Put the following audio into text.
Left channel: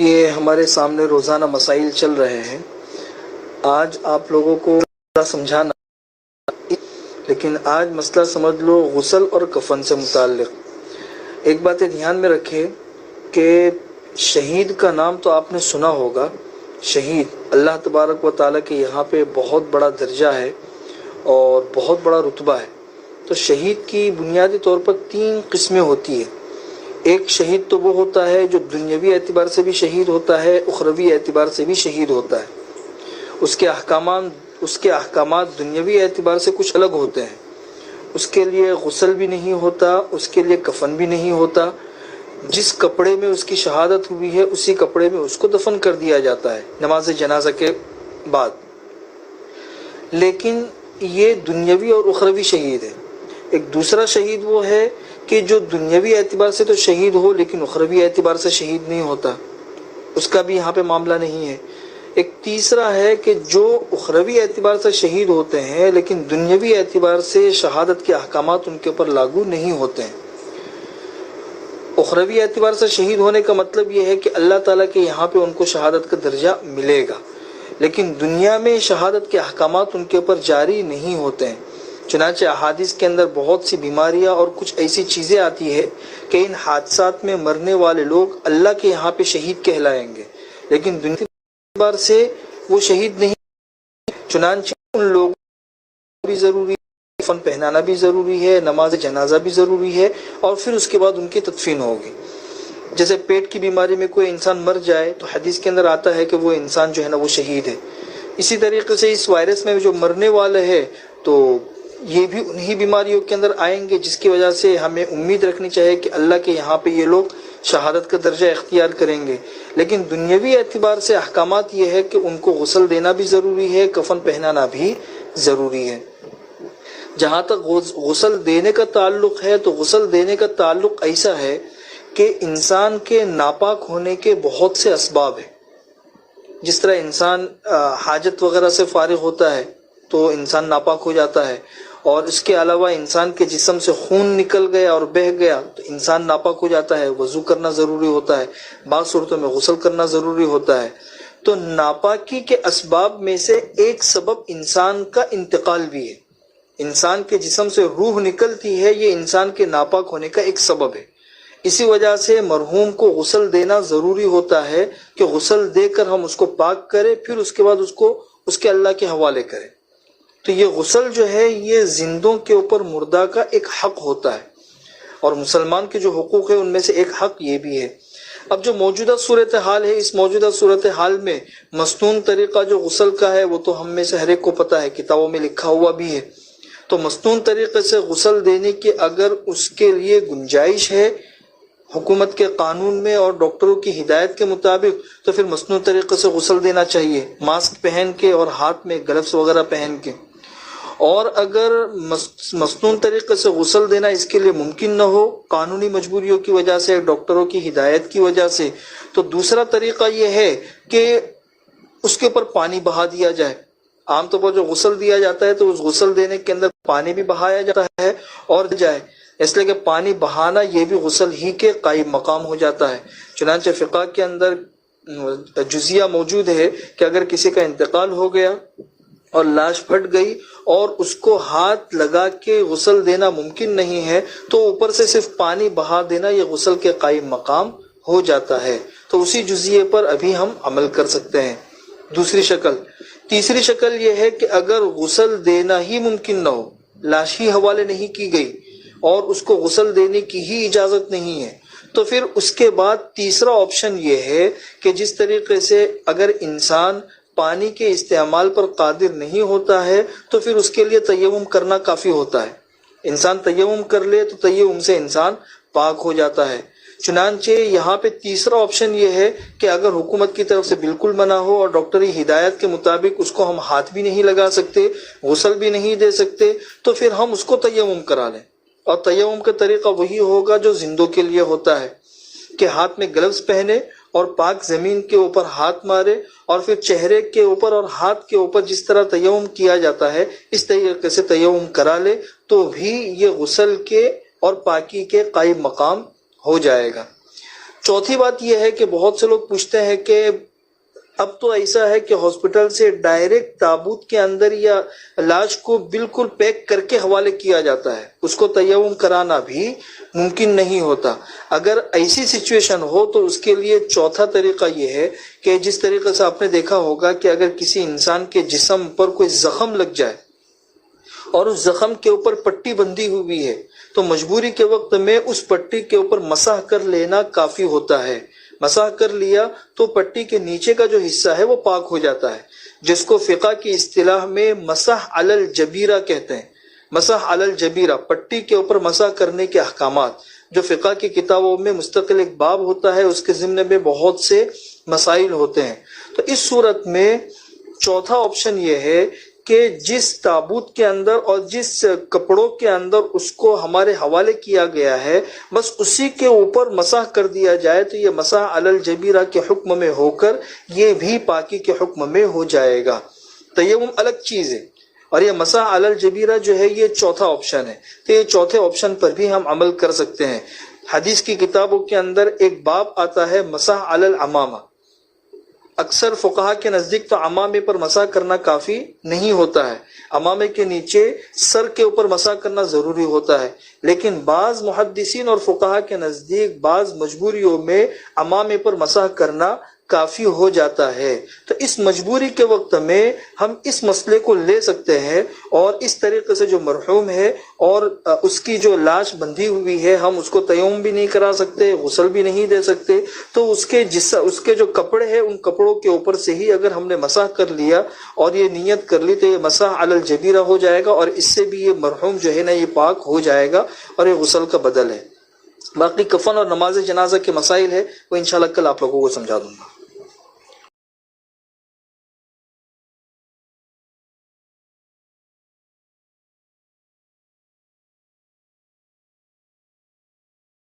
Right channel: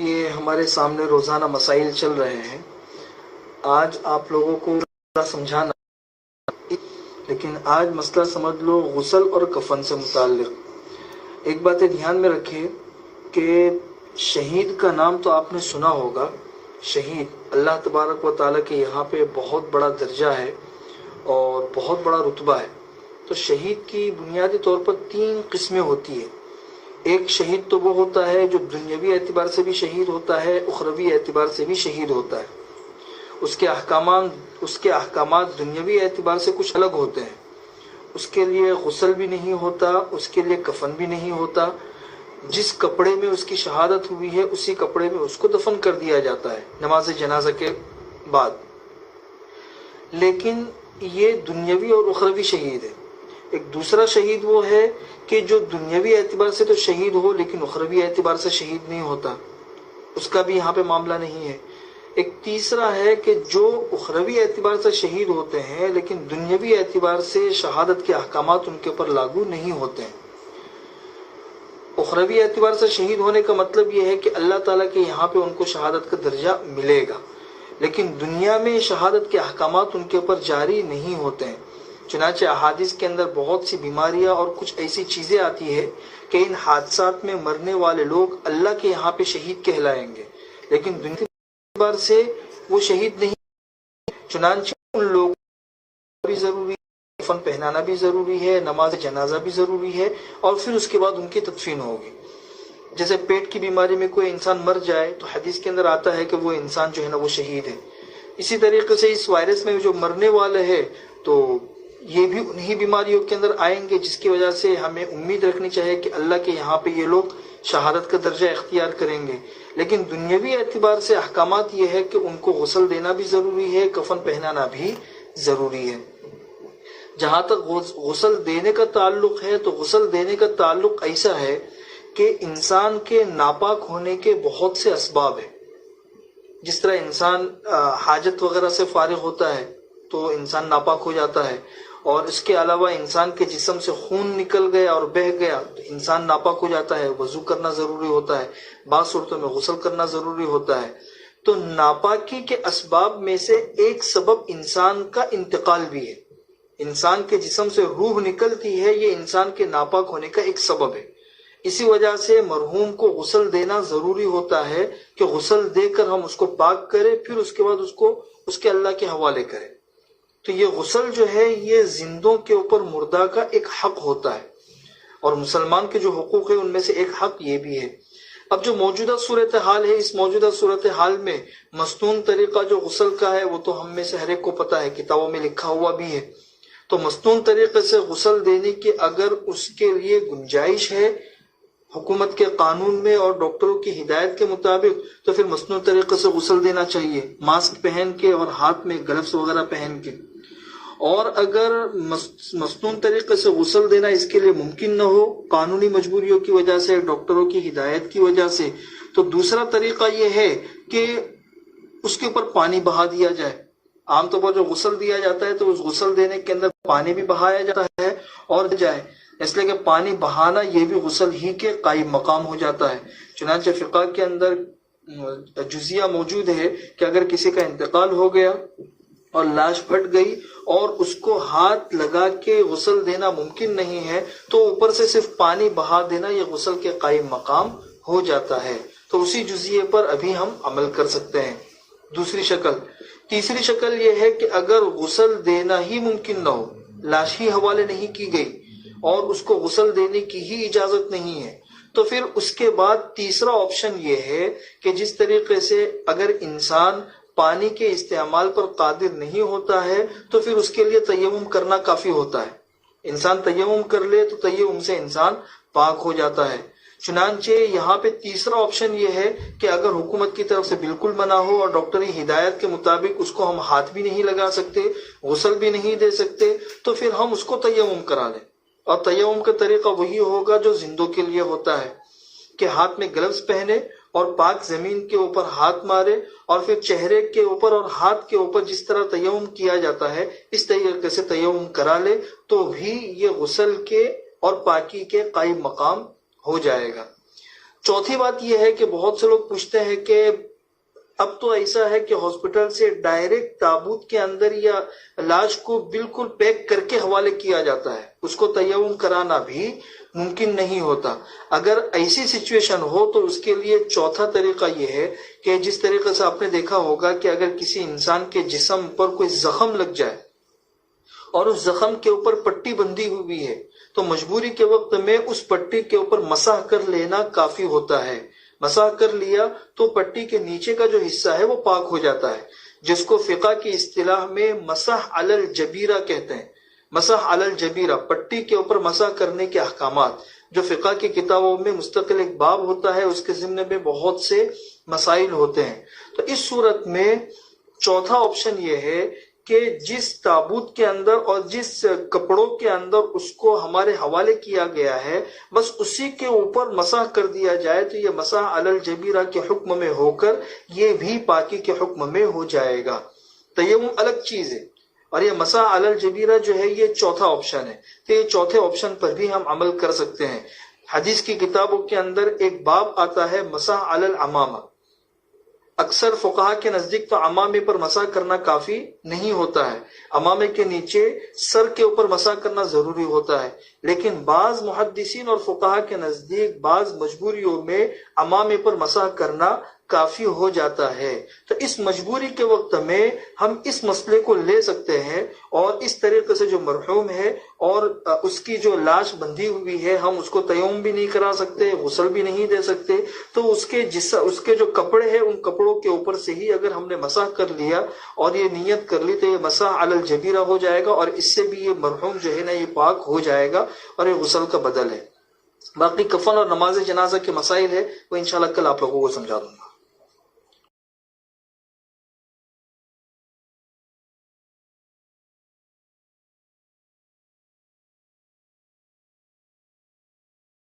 یہ ہمارے سامنے روزانہ مسائل چل رہے ہیں. آج آپ لوگوں کو سمجھانا، لیکن آج مسئلہ سمجھ لو غسل اور کفن سے متعلق. ایک بات دھیان میں رکھے کہ شہید کا نام تو آپ نے سنا ہوگا. شہید اللہ تبارک و تعالیٰ کے یہاں پہ بہت بڑا درجہ ہے اور بہت بڑا رتبہ ہے. تو شہید کی بنیادی طور پر 3 قسمیں ہوتی ہیں. ایک شہید تو وہ ہوتا ہے جو دنیاوی اعتبار سے بھی شہید ہوتا ہے، اخروی اعتبار سے بھی شہید ہوتا ہے. اس کے احکامات دنیاوی اعتبار سے کچھ الگ ہوتے ہیں. اس کے لیے غسل بھی نہیں ہوتا، اس کے لیے کفن بھی نہیں ہوتا. جس کپڑے میں اس کی شہادت ہوئی ہے اسی کپڑے میں اس کو دفن کر دیا جاتا ہے نماز جنازہ کے بعد. لیکن یہ دنیاوی اور اخروی شہید ہے. ایک دوسرا شہید وہ ہے کہ جو دنیاوی اعتبار سے تو شہید ہو لیکن اخروی اعتبار سے شہید نہیں ہوتا، اس کا بھی یہاں پہ معاملہ نہیں ہے. ایک تیسرا ہے کہ جو اخروی اعتبار سے شہید ہوتے ہیں لیکن دنیاوی اعتبار سے شہادت کے احکامات ان کے اوپر لاگو نہیں ہوتے ہیں. اخروی اعتبار سے شہید ہونے کا مطلب یہ ہے کہ اللہ تعالیٰ کے یہاں پہ ان کو شہادت کا درجہ ملے گا، لیکن دنیا میں شہادت کے احکامات ان کے اوپر جاری نہیں ہوتے ہیں. چنانچہ احادیث کے اندر بہت سی بیماریاں اور کچھ ایسی چیزیں آتی ہے کہ ان حادثات میں مرنے والے لوگ اللہ کے یہاں پہ شہید کہلائیں گے، لیکن دنیا اعتبار سے وہ شہید نہیں. چنانچہ ان لوگوں کو بھی ضروری ہے، کفن پہنانا بھی ضروری ہے، نماز جنازہ بھی ضروری ہے، اور پھر اس کے بعد ان کی تدفین ہوگی. جیسے پیٹ کی بیماری میں کوئی انسان مر جائے تو حدیث کے اندر آتا ہے کہ وہ انسان جو ہے نا وہ شہید ہے. اسی طریقے سے اس وائرس میں جو مرنے والے ہیں تو یہ بھی انہی بیماریوں کے اندر آئیں گے، جس کی وجہ سے ہمیں امید رکھنی چاہیے کہ اللہ کے یہاں پہ یہ لوگ شہادت کا درجہ اختیار کریں گے. لیکن دنیاوی اعتبار سے احکامات یہ ہے کہ ان کو غسل دینا بھی ضروری ہے، کفن پہنانا بھی ضروری ہے. جہاں تک غسل دینے کا تعلق ہے تو غسل دینے کا تعلق ایسا ہے کہ انسان کے ناپاک ہونے کے بہت سے اسباب ہیں. جس طرح انسان حاجت وغیرہ سے فارغ ہوتا ہے تو انسان ناپاک ہو جاتا ہے، اور اس کے علاوہ انسان کے جسم سے خون نکل گیا اور بہہ گیا تو انسان ناپاک ہو جاتا ہے، وضو کرنا ضروری ہوتا ہے، بعض صورتوں میں غسل کرنا ضروری ہوتا ہے. تو ناپاکی کے اسباب میں سے ایک سبب انسان کا انتقال بھی ہے. انسان کے جسم سے روح نکلتی ہے، یہ انسان کے ناپاک ہونے کا ایک سبب ہے. اسی وجہ سے مرحوم کو غسل دینا ضروری ہوتا ہے کہ غسل دے کر ہم اس کو پاک کریں، پھر اس کے بعد اس کو اس کے اللہ کے حوالے کریں. تو یہ غسل جو ہے یہ زندوں کے اوپر مردہ کا ایک حق ہوتا ہے، اور مسلمان کے جو حقوق ہیں ان میں سے ایک حق یہ بھی ہے. اب جو موجودہ صورتحال ہے، اس موجودہ صورتحال میں مصنون طریقہ جو غسل کا ہے وہ تو ہم میں سے ہر ایک کو پتہ ہے، کتابوں میں لکھا ہوا بھی ہے. تو مصنون طریقے سے غسل دینے کی اگر اس کے لیے گنجائش ہے حکومت کے قانون میں اور ڈاکٹروں کی ہدایت کے مطابق تو پھر مصنوعی طریقے سے غسل دینا چاہیے، ماسک پہن کے اور ہاتھ میں گلوز وغیرہ پہن کے. اور اگر مصنوعی طریقے سے غسل دینا اس کے لیے ممکن نہ ہو قانونی مجبوریوں کی وجہ سے، ڈاکٹروں کی ہدایت کی وجہ سے، تو دوسرا طریقہ یہ ہے کہ اس کے اوپر پانی بہا دیا جائے. عام طور پر جو غسل دیا جاتا ہے تو اس غسل دینے کے اندر پانی بھی بہایا جاتا ہے اور جائے، اس لیے کہ پانی بہانا یہ بھی غسل ہی کے قائم مقام ہو جاتا ہے. چنانچہ فقہ کے اندر جزیہ موجود ہے کہ اگر کسی کا انتقال ہو گیا اور لاش پھٹ گئی اور اس کو ہاتھ لگا کے غسل دینا ممکن نہیں ہے تو اوپر سے صرف پانی بہا دینا یہ غسل کے قائم مقام ہو جاتا ہے. تو اسی جزیے پر ابھی ہم عمل کر سکتے ہیں. دوسری شکل. تیسری شکل یہ ہے کہ اگر غسل دینا ہی ممکن نہ ہو، لاش ہی حوالے نہیں کی گئی اور اس کو غسل دینے کی ہی اجازت نہیں ہے، تو پھر اس کے بعد تیسرا آپشن یہ ہے کہ جس طریقے سے اگر انسان پانی کے استعمال پر قادر نہیں ہوتا ہے تو پھر اس کے لیے تیمم کرنا کافی ہوتا ہے. انسان تیمم کر لے تو تیمم سے انسان پاک ہو جاتا ہے. چنانچہ یہاں پہ تیسرا آپشن یہ ہے کہ اگر حکومت کی طرف سے بالکل منع ہو اور ڈاکٹری ہدایت کے مطابق اس کو ہم ہاتھ بھی نہیں لگا سکتے، غسل بھی نہیں دے سکتے، تو پھر ہم اس کو تیمم کرا لیں. اور تیمم کا طریقہ وہی ہوگا جو زندوں کے لیے ہوتا ہے کہ ہاتھ میں گلوز پہنے اور پاک زمین کے اوپر ہاتھ مارے اور پھر چہرے کے اوپر اور ہاتھ کے اوپر جس طرح تیمم کیا جاتا ہے اس طریقے سے تیمم کرا لے تو بھی یہ غسل کے اور پاکی کے قائم مقام ہو جائے گا. چوتھی بات یہ ہے کہ بہت سے لوگ پوچھتے ہیں کہ اب تو ایسا ہے کہ ہاسپٹل سے ڈائریکٹ تابوت کے اندر یا لاش کو بالکل پیک کر کے حوالے کیا جاتا ہے، اس کو تیمم کرانا بھی ممکن نہیں ہوتا۔ اگر ایسی سچویشن ہو تو اس کے لیے چوتھا طریقہ یہ ہے کہ جس طریقے سے آپ نے دیکھا ہوگا کہ اگر کسی انسان کے جسم پر کوئی زخم لگ جائے اور اس زخم کے اوپر پٹی بندھی ہوئی ہے تو مجبوری کے وقت میں اس پٹی کے اوپر مسح کر لینا کافی ہوتا ہے۔ مسح کر لیا تو پٹی کے نیچے کا جو حصہ ہے وہ پاک ہو جاتا ہے، جس کو فقہ کی اصطلاح میں مسح علی الجبیرہ کہتے ہیں۔ مسح علی الجبیرہ، پٹی کے اوپر مسح کرنے کے احکامات جو فقہ کی کتابوں میں مستقل ایک باب ہوتا ہے، اس کے ضمن میں بہت سے مسائل ہوتے ہیں۔ تو اس صورت میں چوتھا آپشن یہ ہے کہ جس تابوت کے اندر اور جس کپڑوں کے اندر اس کو ہمارے حوالے کیا گیا ہے بس اسی کے اوپر مسح کر دیا جائے تو یہ مسح علی الجبیرہ کے حکم میں ہو کر یہ بھی پاکی کے حکم میں ہو جائے گا۔ تیمم الگ چیز ہے اور یہ مسح علی الجبیرہ جو ہے یہ چوتھا آپشن ہے، تو یہ چوتھے آپشن پر بھی ہم عمل کر سکتے ہیں۔ حدیث کی کتابوں کے اندر ایک باب آتا ہے مسح علی العمامہ۔ اکثر فقہا کے نزدیک تو عمامے پر مسح کرنا کافی نہیں ہوتا ہے، عمامے کے نیچے سر کے اوپر مسح کرنا ضروری ہوتا ہے، لیکن بعض محدثین اور فقہا کے نزدیک بعض مجبوریوں میں عمامے پر مسح کرنا کافی ہو جاتا ہے۔ تو اس مجبوری کے وقت میں ہم اس مسئلے کو لے سکتے ہیں اور اس طریقے سے جو مرحوم ہے اور اس کی جو لاش بندھی ہوئی ہے ہم اس کو تیمم بھی نہیں کرا سکتے، غسل بھی نہیں دے سکتے، تو اس کے جو کپڑے ہیں ان کپڑوں کے اوپر سے ہی اگر ہم نے مسح کر لیا اور یہ نیت کر لی تو یہ مسح علی الجبیرہ ہو جائے گا اور اس سے بھی یہ مرحوم جو ہے نا یہ پاک ہو جائے گا اور یہ غسل کا بدل ہے۔ باقی کفن اور نماز جنازہ کے مسائل ہے وہ انشاءاللہ کل آپ لوگوں کو سمجھا دوں گا۔